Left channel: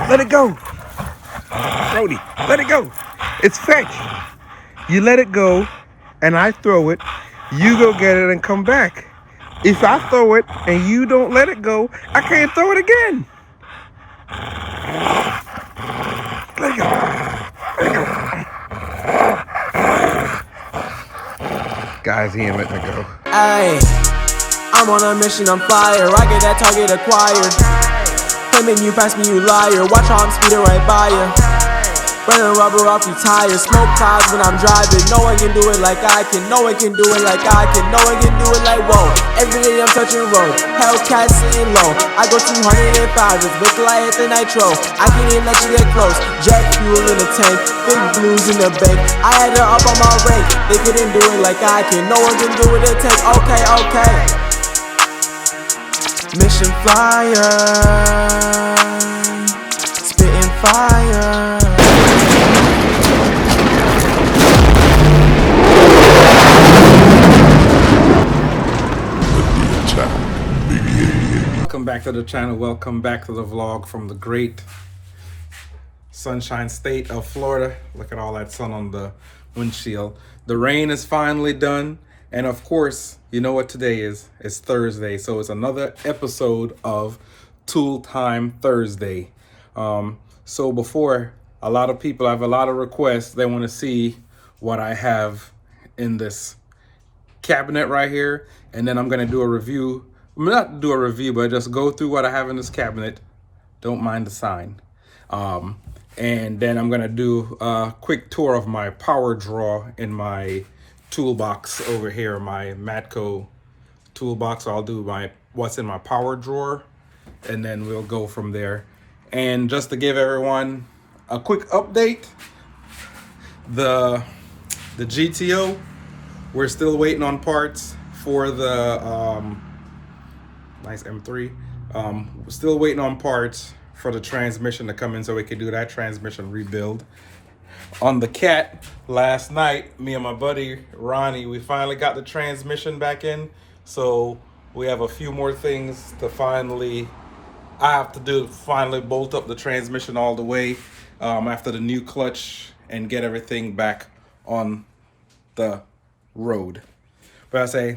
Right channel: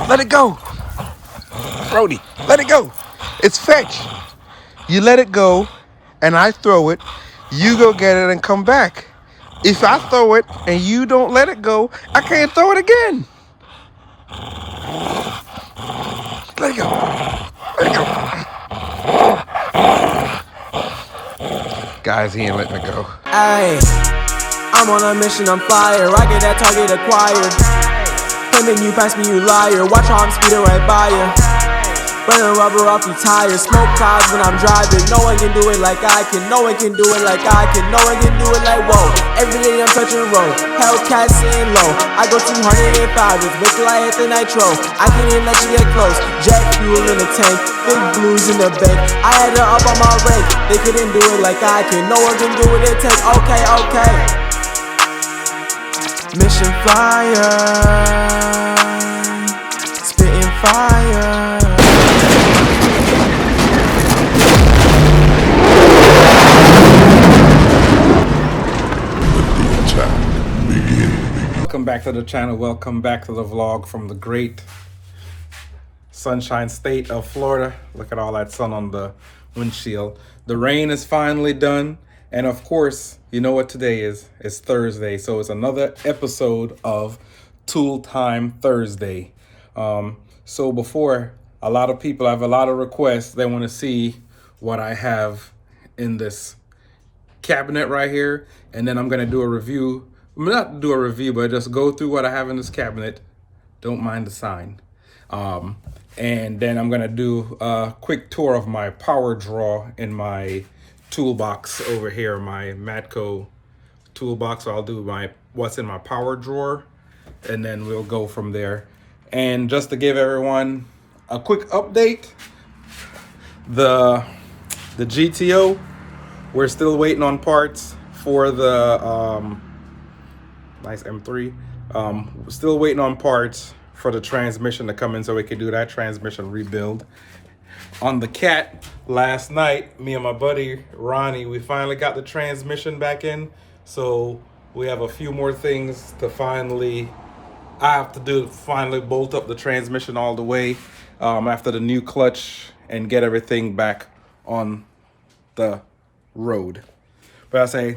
Let it go. Brody, let it go. It's fetch. You let it go, and I throw it. You go get it and come back. If I throw it and you don't let it go, I can't throw it again. Let it go. Let it go. Guys, he ain't letting it go. Ayy, I'm on a mission, I'm fire. I get that target acquired. Claiming you pass me, you liar. Watch how I'm speeding right by you. Burning rubber off your tires. Smoke clouds when I'm driving. No one can do it like I can. No one can do it like I can. No one can do it like whoa. Every day I'm touching road. Hellcat sitting low. I go 205 just wait till I hit the nitro. I can't even let you get close. Jet fuel in the tank. Big blues in the bank. I had her up on my rank. They couldn't do it like I can. No one can do it in tank. Okay, okay. Mission flyer. Spitting fire. Welcome back to the channel. Welcome back to the vlog from the great sunshine state of Florida. Look at all that sun on the windshield. The rain is finally done. And of course, you know what today is? It's Thursday. So it's another episode of Tool Time Thursday. So before, a lot of people have a lot of requests. They want to see what I have in this cabinet right here. And then I'm going to do a review. Not do a review, but just go through what I have in this cabinet. Don't mind the sign. And then I'm gonna do a quick tour of my power drawer in my toolbox over here, my Matco toolbox. So I'll do what's in my power drawer, and then we'll go from there. And just to give everyone a quick update, the GTO, we're still waiting on parts for the nice M3. We're still waiting on parts for the transmission to come in so we can do that transmission rebuild. On the cat, last night, me and my buddy Ronnie, we finally got the transmission back in. So we have a few more things to finally bolt up the transmission all the way after the new clutch and get everything back on the road. But I say,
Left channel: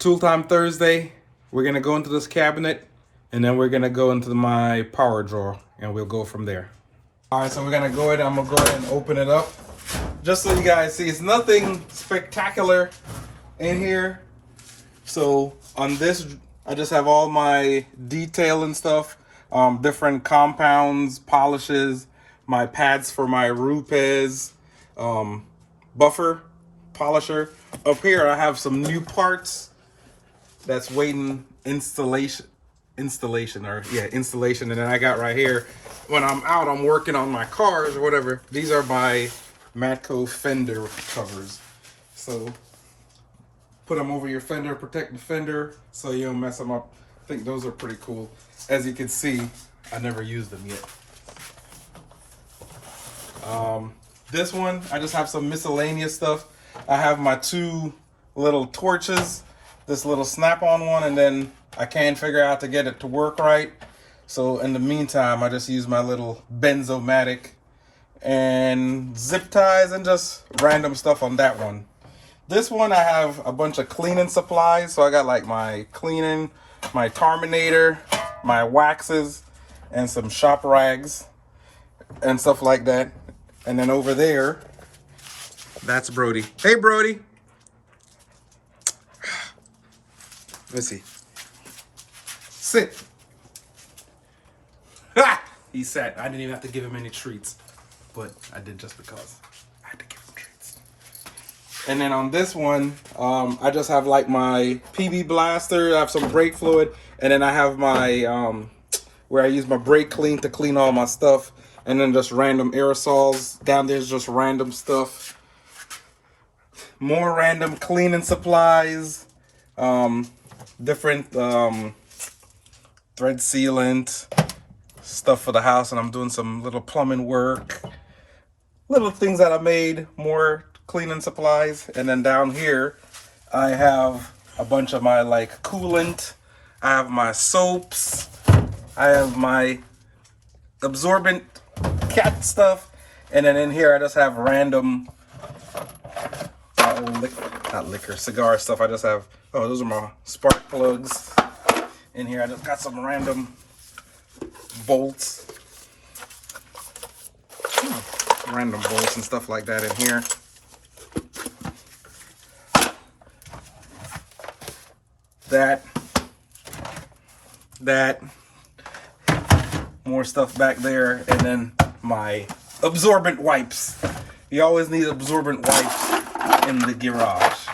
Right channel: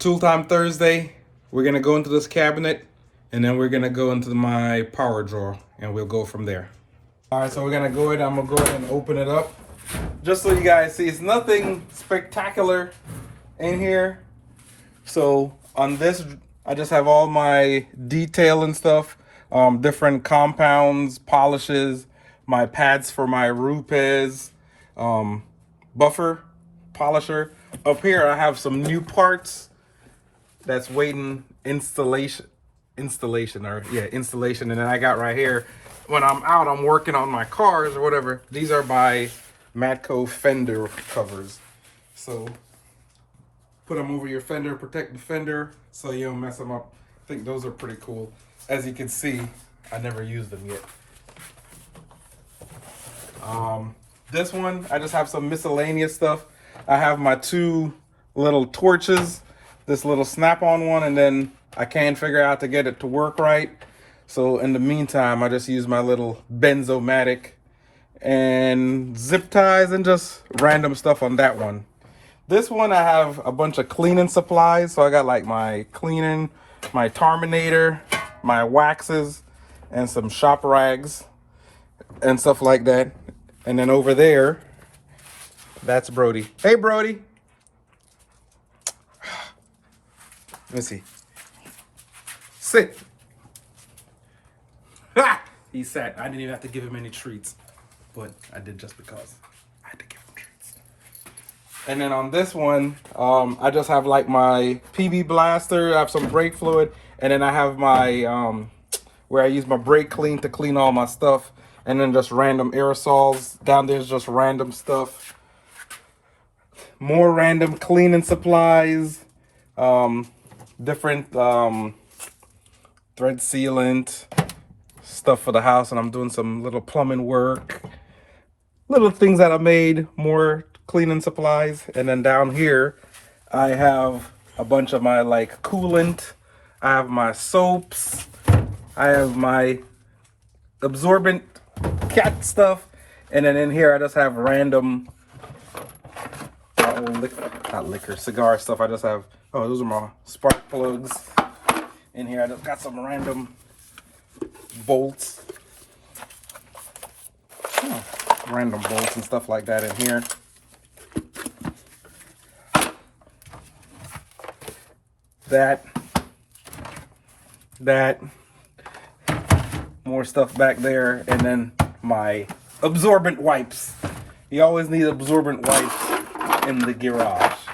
Tool Time Thursday, we're gonna go into this cabinet and then we're gonna go into my power drawer and we'll go from there. All right, so we're gonna go ahead, I'm gonna go ahead and open it up. Just so you guys see, it's nothing spectacular in here. So on this, I just have all my detail and stuff, different compounds, polishes, my pads for my Rupes, buffer, polisher. Up here, I have some new parts that's waiting installation. And then I got right here, when I'm out, I'm working on my cars or whatever. These are my Matco Fender covers. So put them over your fender, protect the fender so you don't mess them up. I think those are pretty cool. As you can see, I never used them yet. This one, I just have some miscellaneous stuff. I have my two little torches, this little snap-on one, and then I can't figure out to get it to work right. So in the meantime, I just use my little Benzomatic and zip ties and just random stuff on that one. This one, I have a bunch of cleaning supplies. So I got like my cleaning, my Terminator, my waxes, and some shop rags and stuff like that. And then over there, that's Brody. Hey, Brody. Let me see. Sit. Ha! He sat. I didn't even have to give him any treats, but I did just because I had to give him treats. And then on this one, I just have like my PB blaster. I have some brake fluid, and then I have my where I use my brake clean to clean all my stuff, and then just random aerosols. Down there's just random stuff. More random cleaning supplies. Different thread sealant, stuff for the house, and I'm doing some little plumbing work, little things that I made, more cleaning supplies. And then down here I have a bunch of my like coolant, I have my soaps, I have my absorbent cat stuff. And then in here, I just have random, not liquor, cigar stuff. I just have, oh, those are my spark plugs. In here, I just got some random bolts. Random bolts and stuff like that in here. That, more stuff back there, and then my absorbent wipes. You always need absorbent wipes in the garage.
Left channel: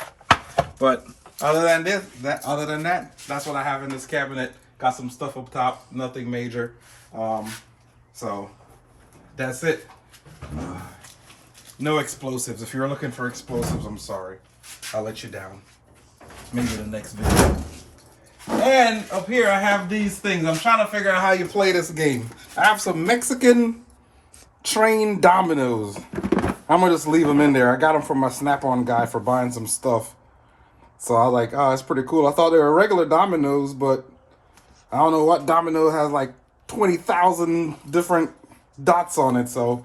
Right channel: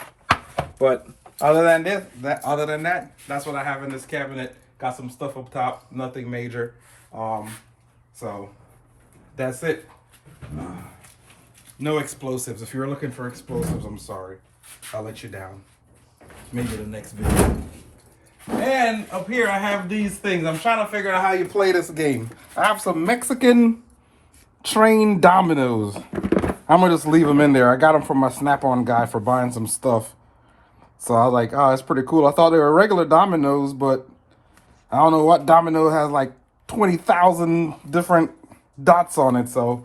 But other than that, that's what I have in this cabinet. Got some stuff up top, nothing major. So that's it. No explosives. If you're looking for explosives, I'm sorry. I'll let you down. Maybe the next video. And up here I have these things. I'm trying to figure out how you play this game. I have some Mexican train dominoes. I'm gonna just leave them in there. I got them from my Snap-on guy for buying some stuff. So I was like, oh, that's pretty cool. I thought they were regular dominoes, but I don't know what domino has like 20,000 different dots on it. So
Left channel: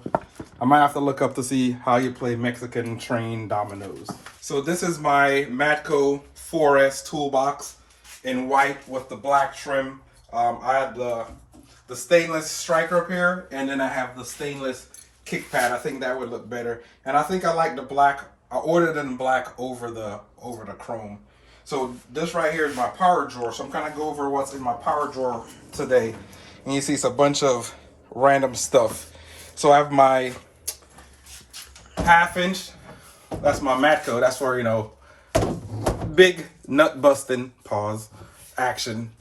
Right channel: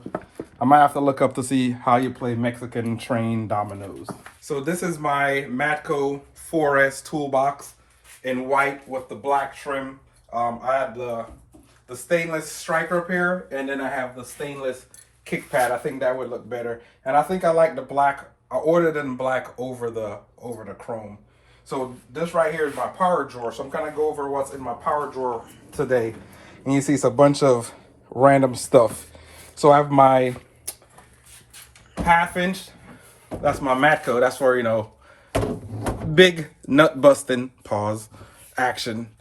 I might have to look up to see how you play Mexican train dominoes. So this is my Matco 4S toolbox in white with the black trim. I had the stainless striker up here, and then I have the stainless kick pad. I think that would look better. And I think I like the black. I ordered in black over the chrome. So this right here is my power drawer. So I'm gonna go over what's in my power drawer today. And you see it's a bunch of random stuff. So I have my 1/2 inch. That's my Matco. That's for, you know, big nut busting, pause, action,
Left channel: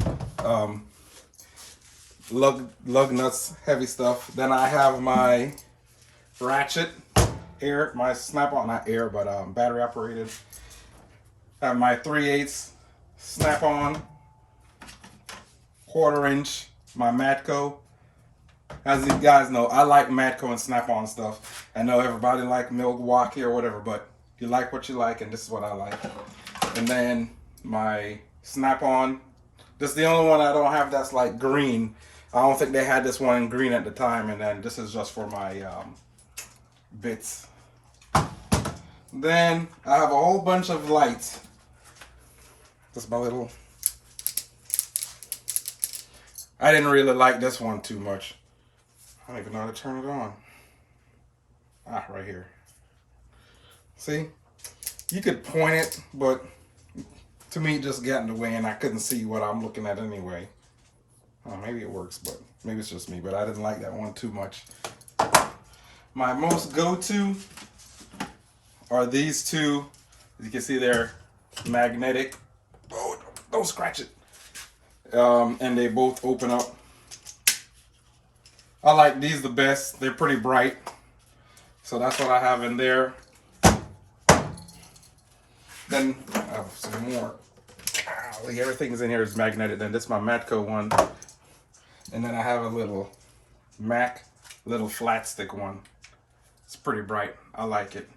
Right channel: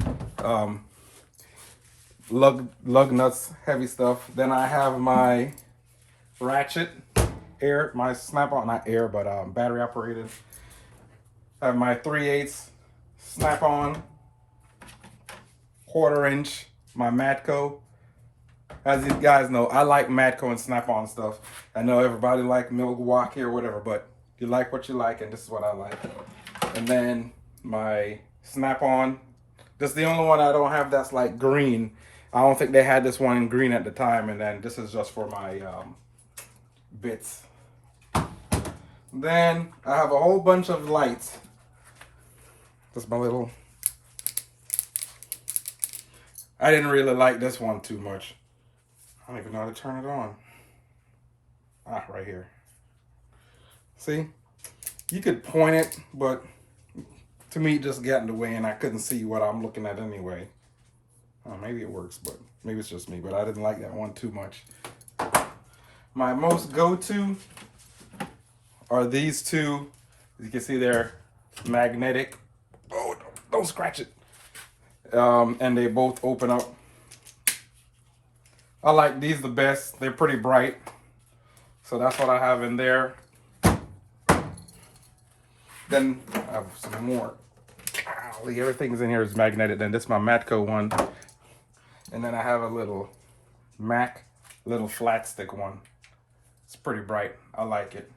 lug nuts, heavy stuff. Then I have my ratchet, my Snap-on, not air, but battery operated. I have my 3/8 Snap-on, 1/4 inch, my Matco. As you guys know, I like Matco and Snap-on stuff. I know everybody like Milwaukee or whatever, but you like what you like, and this is what I like. And then my Snap-on. This is the only one I don't have that's like green. I don't think they had this one in green at the time. And then this is just for my bits. Then I have a whole bunch of lights. This is my little... I didn't really like this one too much. I don't even know how to turn it on. Ah, right here. See? You could point it, but to me it just got in the way and I couldn't see what I'm looking at anyway. Oh, maybe it works, but maybe it's just me, but I didn't like that one too much. My most go-to are these two. As you can see, they're magnetic. Oh, don't scratch it. And they both open up. I like these the best. They're pretty bright. So that's what I have in there. Then I have some more. Golly, everything's in here is magnetic. Then this is my Matco one. And then I have a little little flat stick one. It's pretty bright. I like it.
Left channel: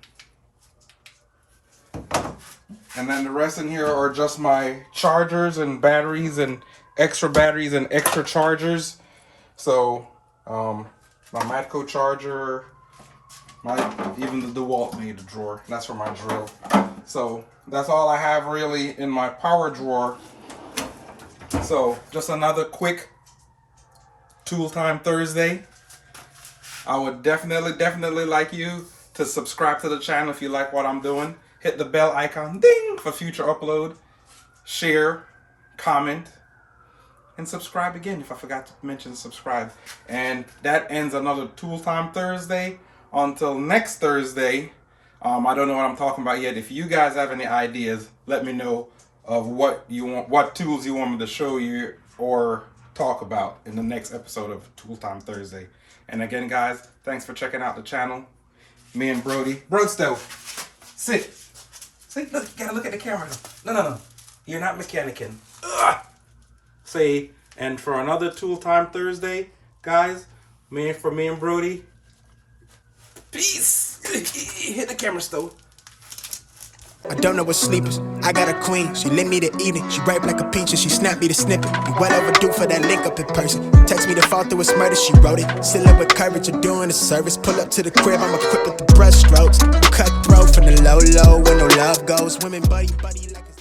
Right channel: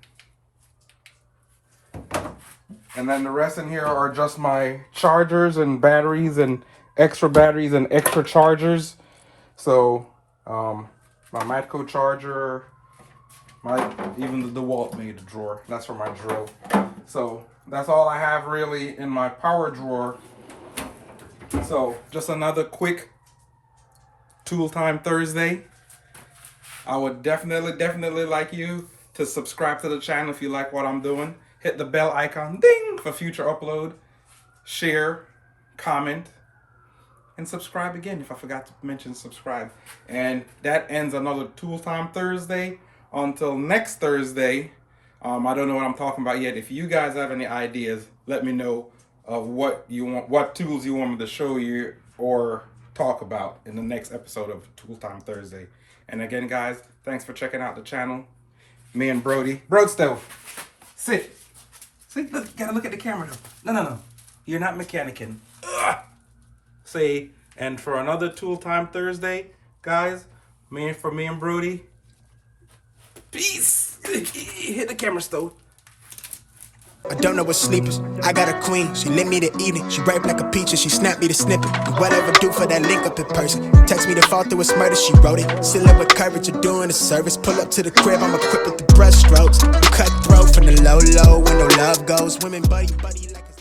And then the rest in here are just my chargers and batteries and extra chargers. So my Matco charger, even the DeWalt made a drawer. That's for my drill. So that's all I have really in my power drawer. So just another quick Tool Time Thursday. I would definitely like you to subscribe to the channel if you like what I'm doing. Hit the bell icon, ding, for future upload. Share, comment, and subscribe again if I forgot to mention subscribe. And that ends another Tool Time Thursday. Until next Thursday, I don't know what I'm talking about yet. If you guys have any ideas, let me know of what tools you want me to show you or talk about in the next episode of Tool Time Thursday. And again, guys, thanks for checking out the channel. Me and Brody. Broadstow, sit. See, look, you gotta look at the camera. No. You're not mechanicking. Ugh. See, and for another Tool Time Thursday, guys, for me and Brody, peace. Hit the camera, Stow. I don't know what sleep is. I got a queen, she lit me the evening. She ripe like a peach and she snapped me the snippet. You well overdue for that link up in person. Text me to fall through a murder, she wrote it. Still up with courage, you're doing a service. Pull up to the crib, I'm equipped with the brush strokes. Cutthroat from the low when no love goes. Women buddy like a